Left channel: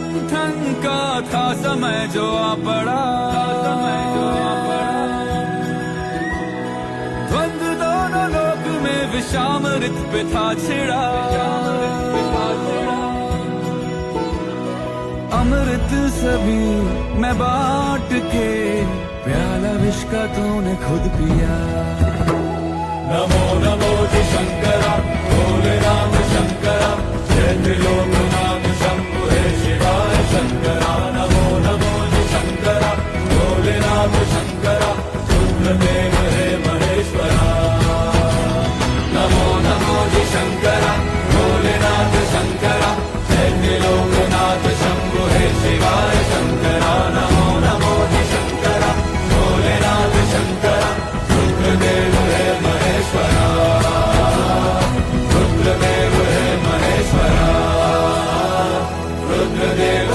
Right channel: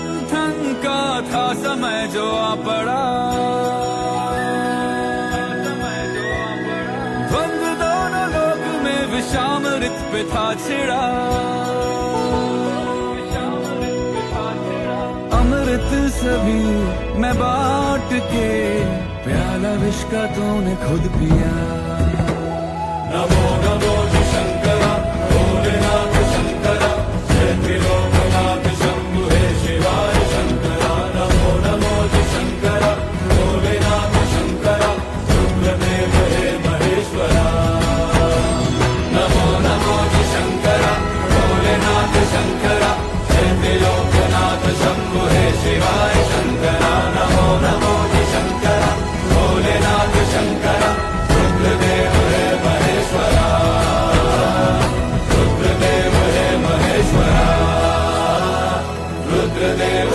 मंथन का था समय जो आ पड़ा, द्वंद दोनों लोक में विषामृत पे था छिड़ा। अमृत सभी मैं बांट के, प्याला विष का तूने खुद पिया। नमो नमो जी शंकरा, भोलेनाथ शंकरा, जय त्रिलोकनाथ शंभु हे शिवाय शंकरा। नमो नमो जी शंकरा, भोलेनाथ शंकरा, रुद्रदेव हे महेश्वरा। नमो नमो जी शंकरा, भोलेनाथ शंकरा, जय त्रिलोकनाथ शंभु हे शिवाय शंकरा। नमो नमो जी शंकरा, भोलेनाथ शंकरा, रुद्रदेव हे महेश्वरा। रुद्रदेव हे महेश्वरा, रुद्रदेव